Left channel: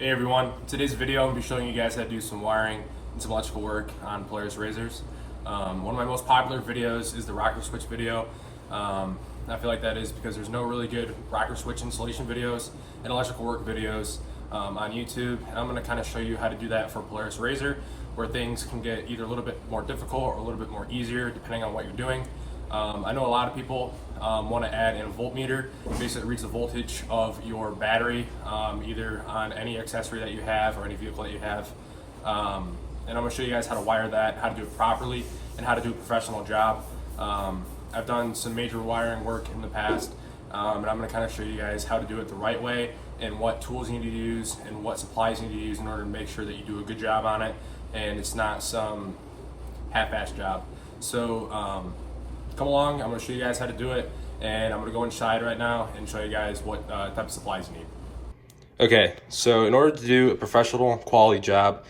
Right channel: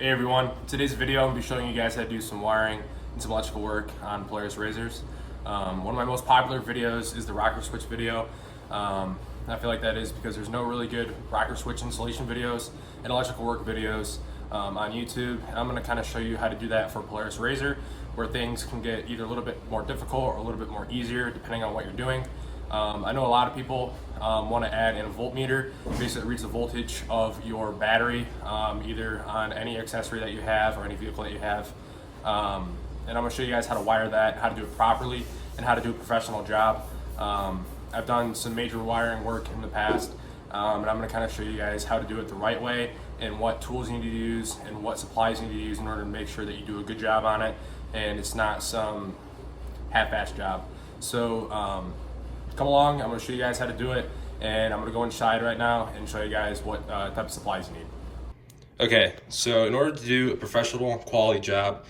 Hey everyone, in today's video I'm going to be showing you guys how to do some wiring and some electrical work on Polaris RZRs. One of my most popular videos is the rocker switch video. I feel like that is because there's no really good rocker switch installation videos and electrical work videos on YouTube. And I'm going to kind of show you how to do that for Polaris RZR, where things can get either a little bit more difficult or a little bit more easier depending on what you're doing. I know a lot of people want to add in a voltmeter. Basically, it reads the voltage of your battery, either on any accessory that you have or any vehicle that you have. And I'm going to show you guys how to wire that, how to do it properly, and how to do a professional job. I've done some major wiring work in the past, and I'm going to kind of show you guys how to do it the right way and what tools you need to use and what supplies you need to use in order to make sure that you do a good job on it and it's not some half-assed job. So come along, I'm going to show you guys how to do it, and I'm going to go inside right now and show you guys what type of supplies you need. Okay, so in order to do a professional quality job,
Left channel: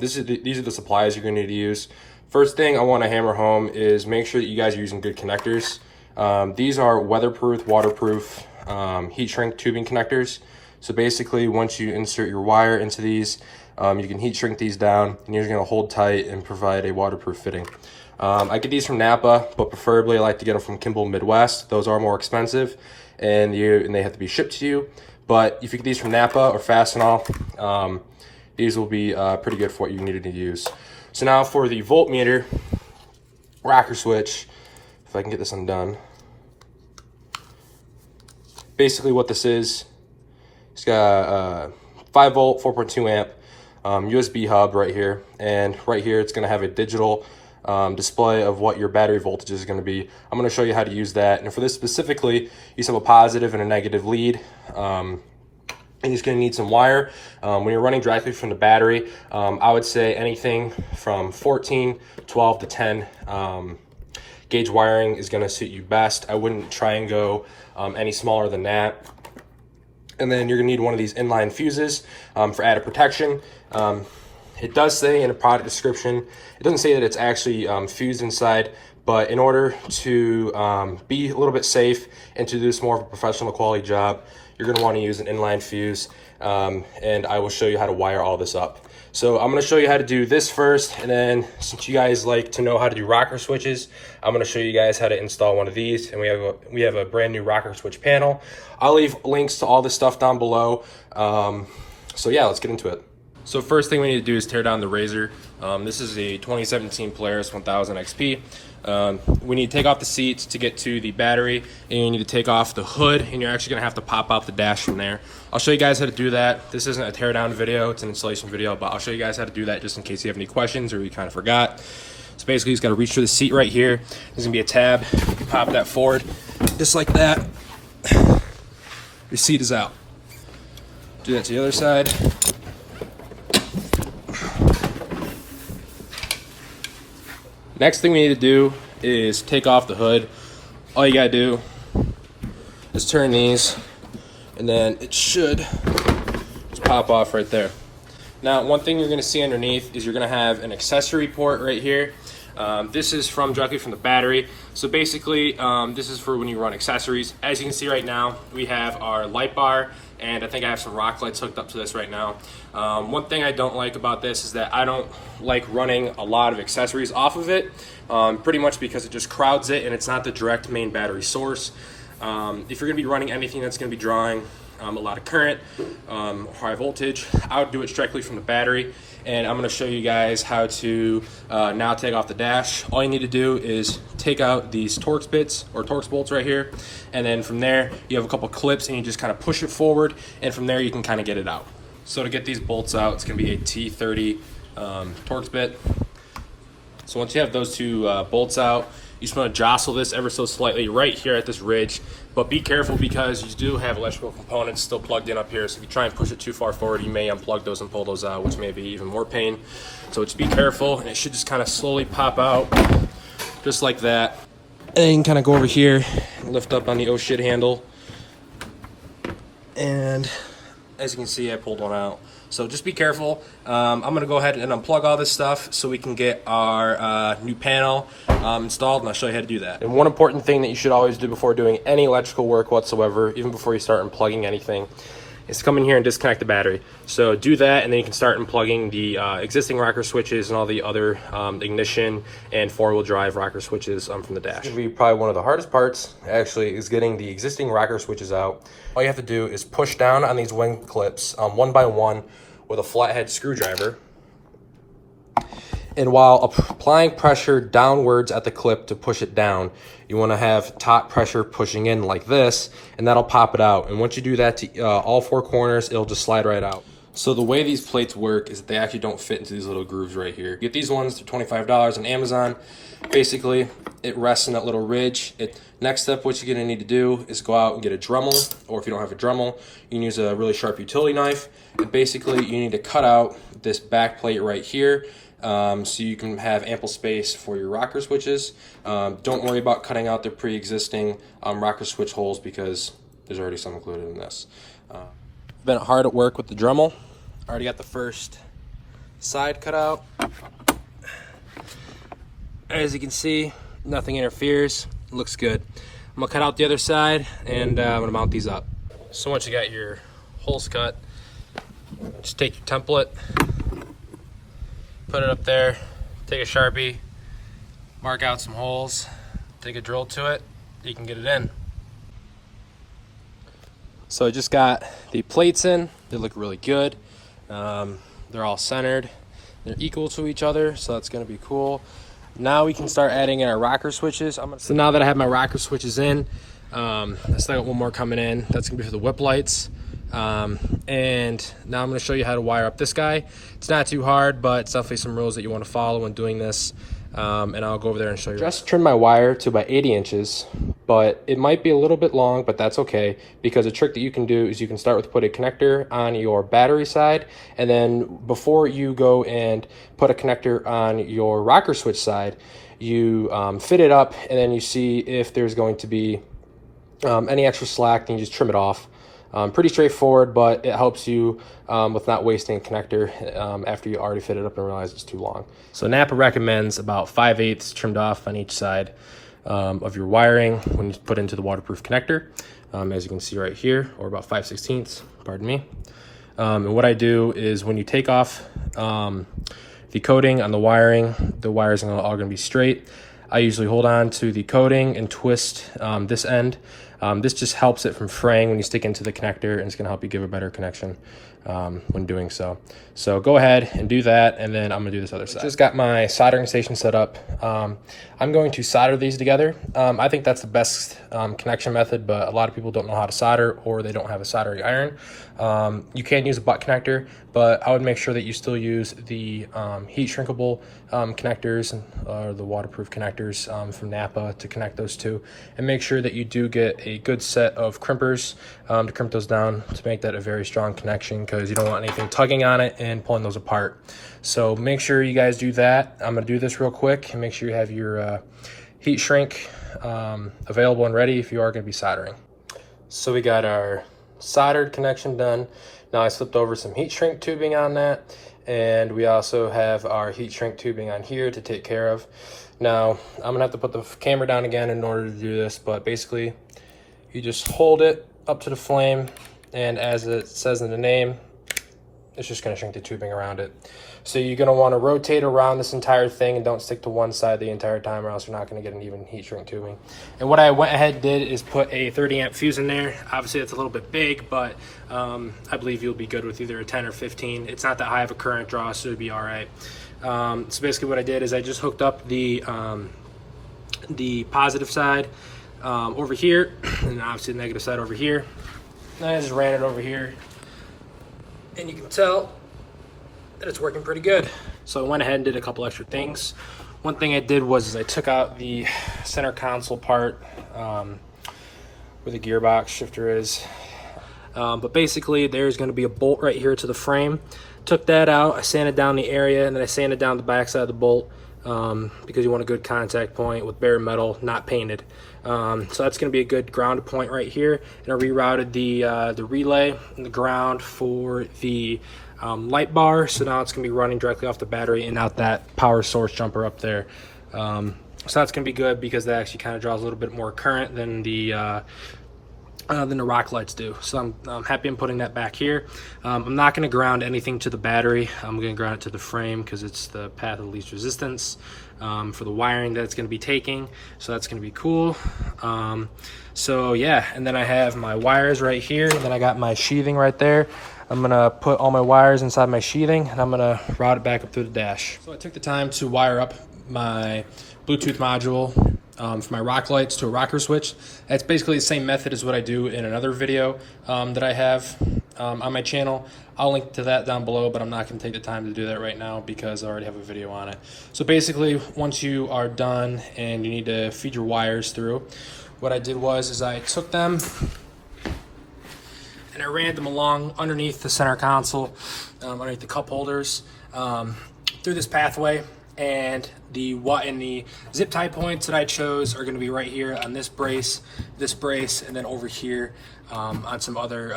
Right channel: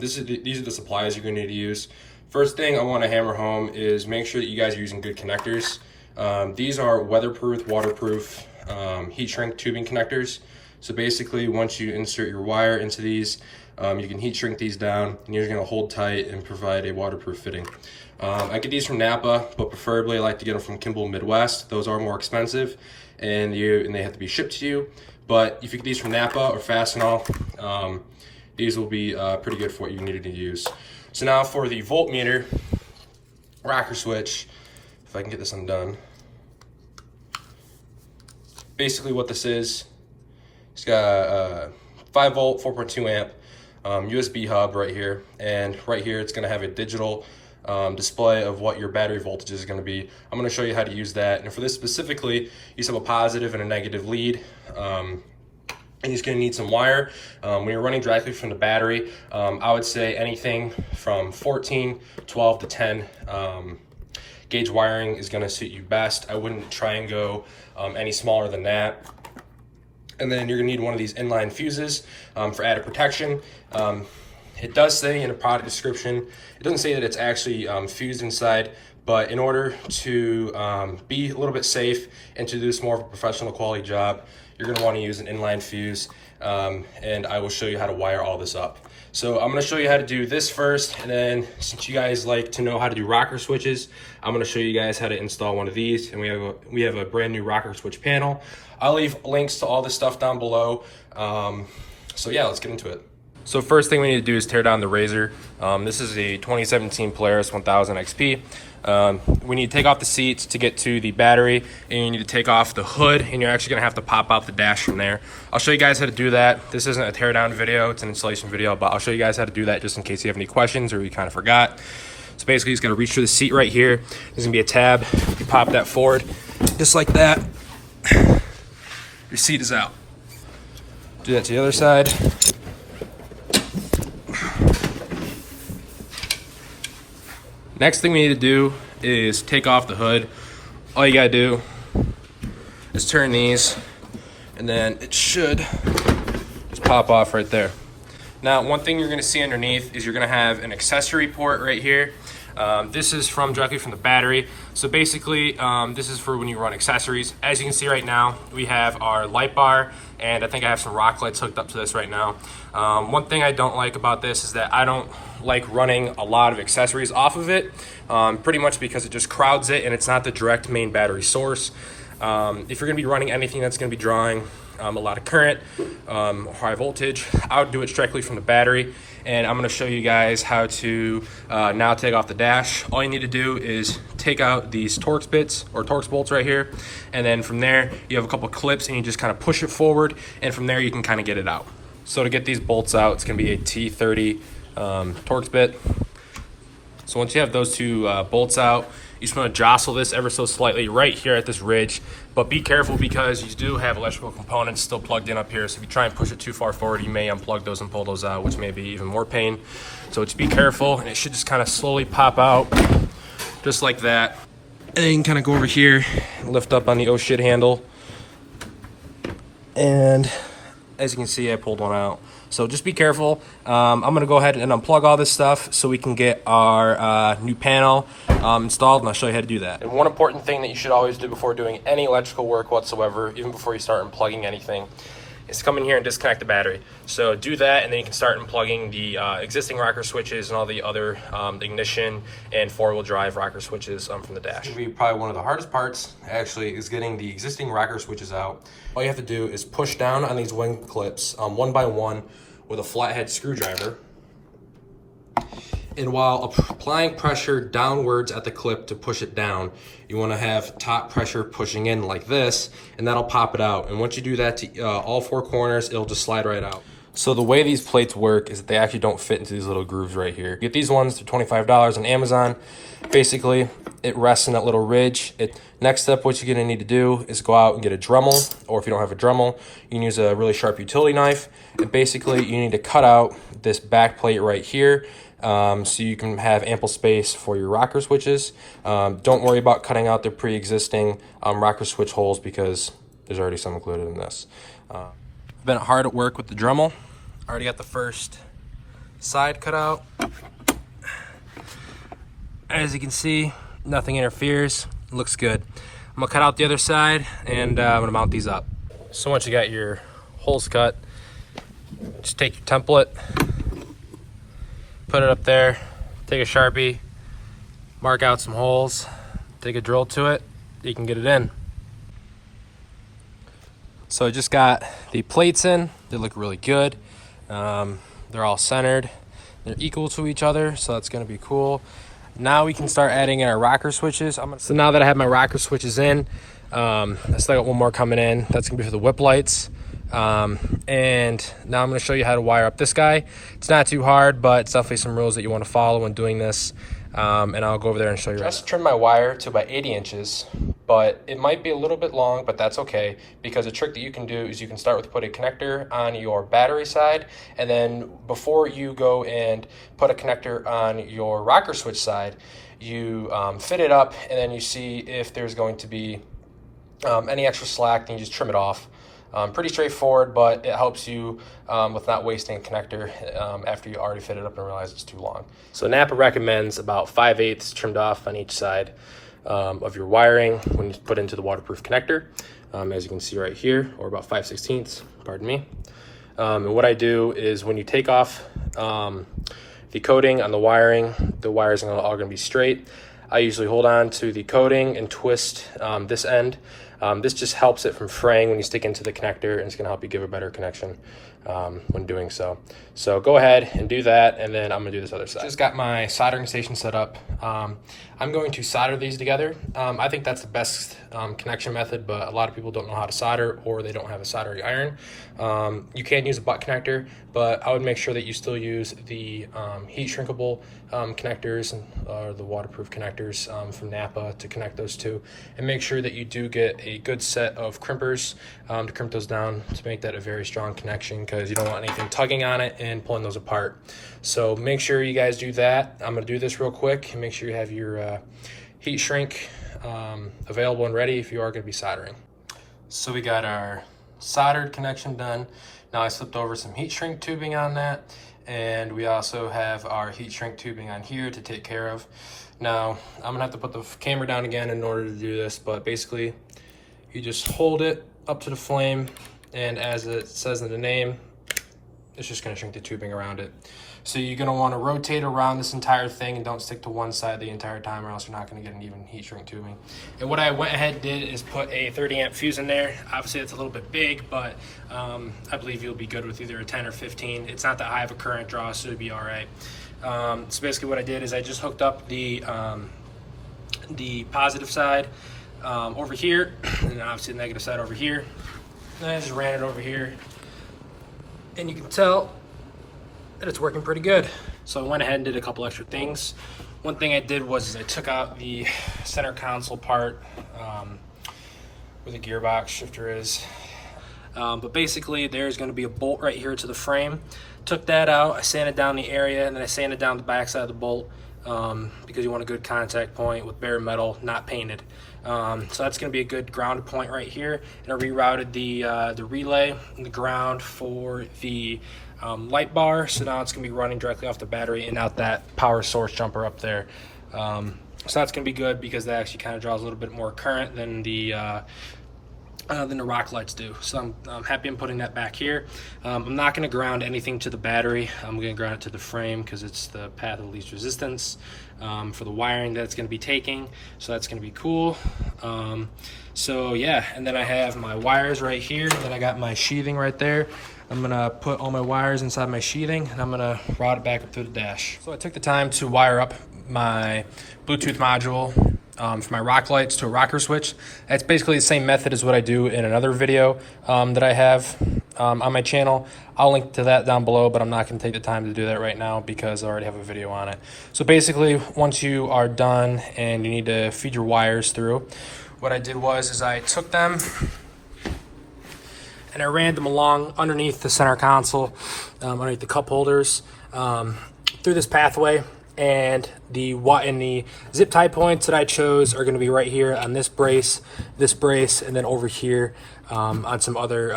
these are the supplies you're going to need to use. First thing I want to hammer home is make sure that you guys are using good connectors. These are weatherproof, waterproof, heat shrink tubing connectors. So basically, once you insert your wire into these, you can heat shrink these down, and you're going to hold tight and provide a waterproof fitting. I get these from Napa, but preferably I like to get them from Kimball Midwest. Those are more expensive, and they have to be shipped to you. But if you get these from Napa or Fastenal, these will be pretty good for what you needed to use. So now for the voltmeter rocker switch, if I can get this undone. Basically what this is, it's got a 5 volt, 4.2 amp USB hub right here. And right here, it's gonna have a digital display of what your battery voltage is going to be. I'm going to show you how to use that. And for this specifically, you just have a positive and a negative lead. And you're just going to need some wire. When you're running directly from the battery, I would say anything from 14, 12 to 10 gauge wiring is going to suit you best. I wouldn't try and go any smaller than that. And then you're going to need one of these inline fuses for added protection. It does say in a product description, it doesn't say that it's actually fused inside, but in order to be a little bit safe and to do this more of a professional quality job, you're going to want to use an inline fuse, and I will show you how to wire all this up. So I'm going to show you how to do this first, and then since you guys like to know how to do rocker switches, I'm going to show you guys how to install one of these, and we have a brand new rocker switch panel. I'll leave links to all this stuff down below. So yeah, let's get into it. So first thing we need to do is tear down the RZR. This is a 2017 Polaris 1000 XP. We need to take off the seats to get to the battery, and you need to take off the hood, and you're actually gonna have to pop out the dash from there. I'll show you guys how to do that. This isn't a teardown video, it's an installation video, but I'll show you guys how to do that just in case you have any questions or you kind of forgot. So basically, you just gotta reach for the seat right here. There's gonna be a tab. You pop that forward, just like that. Your seat is out. Do that to the other side. Next thing we need to do is take off the hood. All you gotta do is turn these, and then it should just pop off right there. Now, one thing you're gonna see underneath is you're gonna have an accessory port right here. This is directly from the battery. So basically, this is for when you run accessories. As you can see right now, we have our light bar, and I think I have some rock lights hooked up to this right now. One thing I don't like about this is that I don't like running a lot of accessories off of it, pretty much because it just crowds it and it's not the direct main battery source. If you're gonna be running anything that's gonna be drawing a lot of current, high voltage, I would do it strictly from the battery. And I'm gonna show you guys how to now take off the dash. All you need to do is take out these Torx bits or Torx bolts right here. And then from there, you have a couple clips and you just kind of push it forward. And from there, you can kind of get it out. So to get these bolts out, it's gonna be a T30 Torx bit. So once you have those two bolts out, you're just gonna jostle this ever so slightly right here at this ridge. But be careful because you do have electrical components still plugged in up here. So if you try and push it too far forward, you may unplug those and pull those out, which may be even more pain. So just be careful, and it should just kind of slowly pop out, just like that. And then you can kind of go over here and lift up on the oh shit handle. And as you can see, I pulled one out. So just be careful. I'm gonna go ahead and unplug all this stuff so we can get our new panel installed, and I'll show you how to do that. And one important thing that you should always do before doing any electrical work whatsoever, even before you start unplugging anything, is to come in here and disconnect the battery. So do that, and then you can start unplugging the existing rocker switches and all the other ignition and four-wheel drive rocker switches from the dash. It's gonna be probably one of the hardest parts, actually, is getting the existing rocker switches out. All you have to do is push down on these wing clips one by one with a flathead screwdriver. And while applying pressure downwards at the clip to push it down, you want to have top pressure pushing in like this, and that'll pop it out. And once you do that to all four corners, it'll just slide right out. So the way these plates work is that they actually don't fit into these little grooves right here. You get these ones, they're $25 on Amazon. Basically, it rests in that little ridge. Next up, what you're gonna need to do is go out and get a Dremel, or if you don't have a Dremel, you can use a really sharp utility knife. And basically, you need to cut out this back plate right here, so you can have ample space for your rocker switches. Don't worry about cutting out the pre-existing rocker switch holes because there's already some included in this. Been hard at work with the Dremel. Already got the first side cut out. As you can see, nothing interferes. Looks good. I'm gonna cut out the other side, and I'm gonna mount these up. So once you got your holes cut, just take your template, put it up there, take a Sharpie, mark out some holes, take a drill to it, you can get it in. So I just got the plates in. They look really good. They're all centered. They're equal to each other, so that's gonna be cool. Now we can start adding in our rocker switches. So now that I have my rocker switches in, I still got one more coming in. That's gonna be for the whip lights. And now I'm going to show you how to wire up this guy. It's not too hard, but it's definitely some rules that you want to follow when doing this. And I'll go over there and show you. Just trim my wire to about 80 inches, but it might be a little bit long, but that's okay, because a trick that you can do is you can start with put a connector on your battery side, and then before you go and put a connector on your rocker switch side, you fit it up, and then you see if there's going to be any extra slack, then you just trim it off. Pretty straightforward, but it helps you with not wasting a connector after you already fit it up and realize it's too long. So Napa recommends about 5/8 trimmed off on each side of your wiring when you put into the waterproof connector, as you can see right here, or about 5/16, pardon me. And what I do is when you take off the coating on the wiring, the wires are all going to be straight. I usually hold on to the coating and twist this end. This just helps it from fraying when you stick into the connector, and it's going to help you give a better connection when doing so. So go ahead and do that, and then I'm going to do this other side. Just got my soldering station set up. I'm going to solder these together. I think that's the best connection method, but a lot of people don't know how to solder, or they don't have a soldering iron. You can use a butt connector, but I would make sure that you still use the heat shrinkable connectors or the waterproof connectors from Napa to connect those two, and make sure that you do get a good set of crimpers to crimp those down to make that a very strong connection, because you don't want anything tugging on it and pulling those apart. So make sure you guys do that. I'm going to do this real quick, and make sure you have your heat shrink available and ready if you are going to be soldering. So we got our soldered connection done. Now I slipped over some heat shrink tubing on that, and we also have our heat shrink tubing on here to take care of. Now I'm gonna have to put the camera down again in order to do this, but basically you just hold it up to the flame, and as it says in the name, it's just gonna shrink the tubing around it. So you're gonna wanna rotate around this entire thing and don't stick to one side the entire time, or else you're not gonna get an even heat shrink tubing. And what I went ahead and did is put a 30 amp fuse in there. Obviously it's a little bit big, but I believe you'll be good with either a 10 or 15. It's not that high of a current draw, so it'll be all right. So basically what I did is I just hooked up the positive side over here, and obviously the negative side over here. And I just ran it over here, and you can tell that it's working pretty good. So I went ahead and did a couple extra things. One thing I did was I took out the center console part where the gearbox shifter is. But basically there's going to be a bolt right here to the frame. Took that out, I sanded down the area, and then I sanded down the back side of the bolt because you want a good contact point with bare metal, not painted. So that's going to be a good ground point right here. And I rerouted the relay and the ground for the light bar, so now it's going to be running directly off the battery and not that power source jumper up there. So that's going to be good because that actually kind of draws a little bit more current than the than the rock lights do. So I'm happy I'm putting that back here. I'm not going to ground anything to the battery. I'm going to ground it to the frame because it's the path of least resistance for the wiring that it's going to be taking. So that's going to be cool. So yeah, and then I have my wires right here. Then I got my sheathing right there. I'm gonna put all my wires inside my sheathing and I'm gonna route it back up through the dash. So I took the time to wire up my Bluetooth module from my rock lights to a rocker switch. That's basically the same method as what I do in another video that I have on my channel. I'll link to that down below, but I'm not gonna take the time to do that right now because I already have a video on it. So basically, once you are done and you need to feed your wires through, what I did was I took them and I ran them along underneath the center console, underneath the cup holders, through this pathway. And the zip tie points that I chose are going to be right here on this brace, and then over here on some other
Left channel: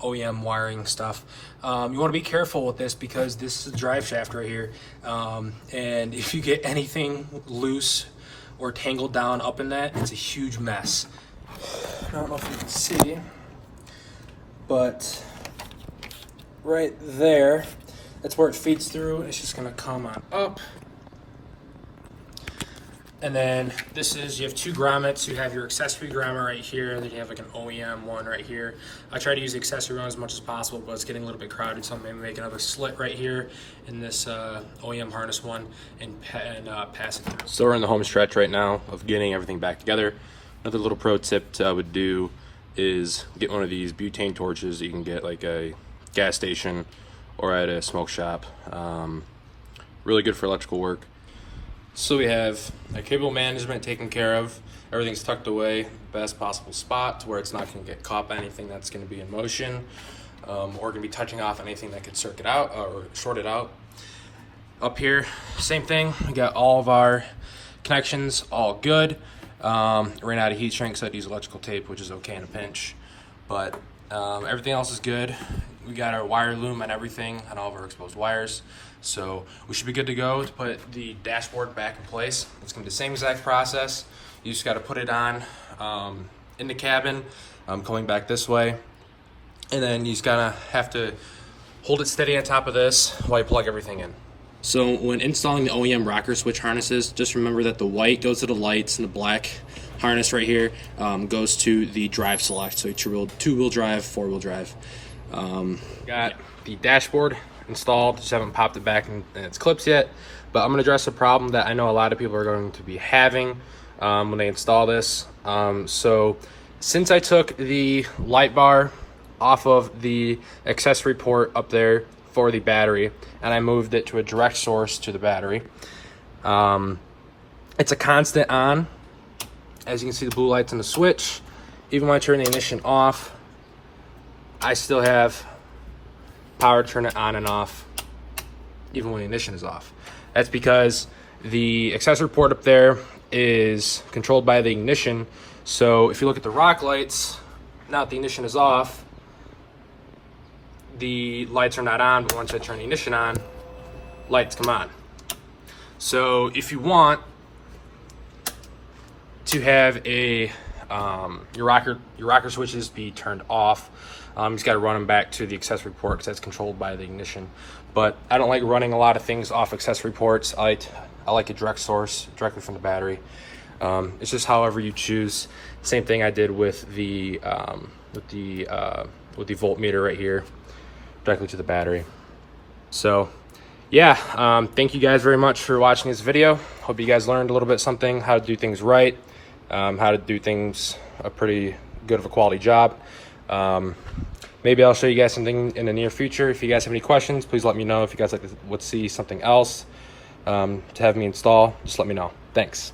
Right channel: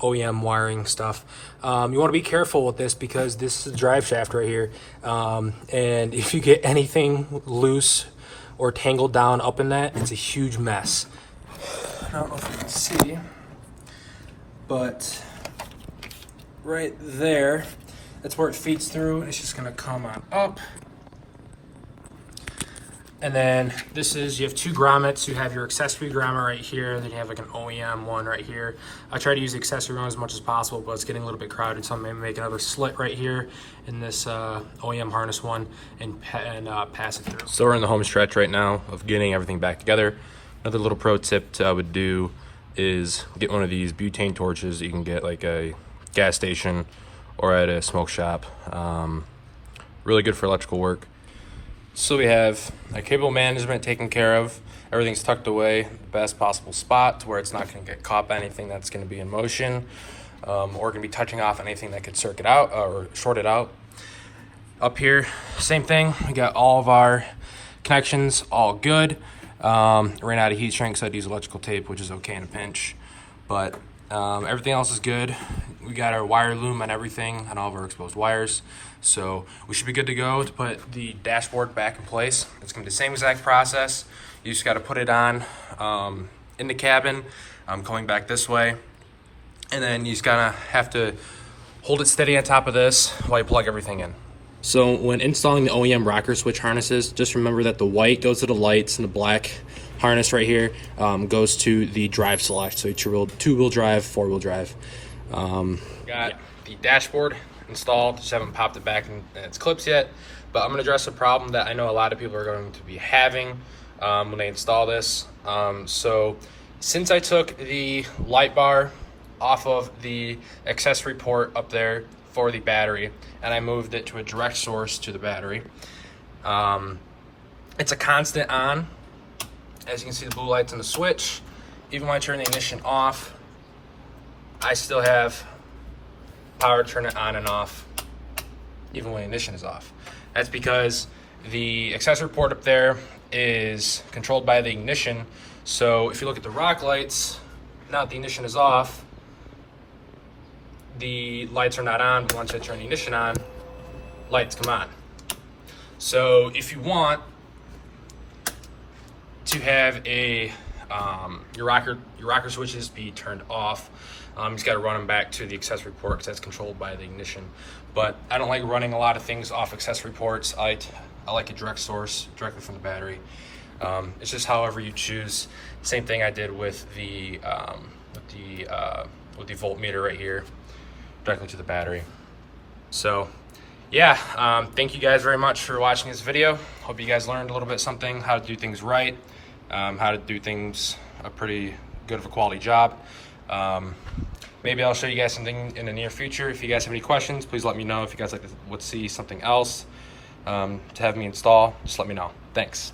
OEM wiring stuff. You want to be careful with this because this is a drive shaft right here, and if you get anything loose or tangled down up in that, it's a huge mess. I don't know if you can see, but right there, that's where it feeds through. It's just going to come on up. And then you have two grommets. You have your accessory grommet right here, and then you have like an OEM one right here. I try to use the accessory one as much as possible, but it's getting a little bit crowded, so I'm gonna make another slit right here in this OEM harness one and pass it through. So we're in the home stretch right now of getting everything back together. Another little pro tip I would do is get one of these butane torches that you can get like a gas station or at a smoke shop. Really good for electrical work. So we have our cable management taken care of. Everything's tucked away, the best possible spot to where it's not going to get caught by anything that's going to be in motion or going to be touching off anything that could circuit out or short it out. Up here, same thing. We got all of our connections all good. Ran out of heat shrink, so I'd use electrical tape, which is okay in a pinch. But everything else is good. We got our wire loom and everything on all of our exposed wires. So we should be good to go to put the dashboard back in place. It's gonna be the same exact process. You just gotta put it on in the cabin, going back this way. And then you just gotta have to hold it steady on top of this while you plug everything in. So when installing the OEM rocker switch harnesses, just remember that the white goes to the lights and the black harness right here goes to the drive select. So two-wheel drive, four-wheel drive. Got the dashboard installed, just haven't popped it back in its clips yet, but I'm going to address a problem that I know a lot of people are going to be having when they install this. So since I took the light bar off of the accessory port up there for the battery and I moved it to a direct source to the battery, it's a constant on. As you can see, the blue light's on the switch. Even when I turn the ignition off, I still have power to turn it on and off even when the ignition is off. That's because the accessory port up there is controlled by the ignition. So if you look at the rock lights, now that the ignition is off, the lights are not on, but once I turn the ignition on, lights come on. So if you want to have a your rocker switches be turned off, you just got to run them back to the accessory port because that's controlled by the ignition. But I don't like running a lot of things off accessory ports. I like a direct source directly from the battery. It's just however you choose. Same thing I did with the voltmeter right here, directly to the battery. So yeah, thank you guys very much for watching this video. Hope you guys learned a little bit something, how to do things right, how to do things a pretty good of a quality job. Maybe I'll show you guys something in the near future. If you guys have any questions, please let me know. If you guys would see something else to have me install, just let me know. Thanks.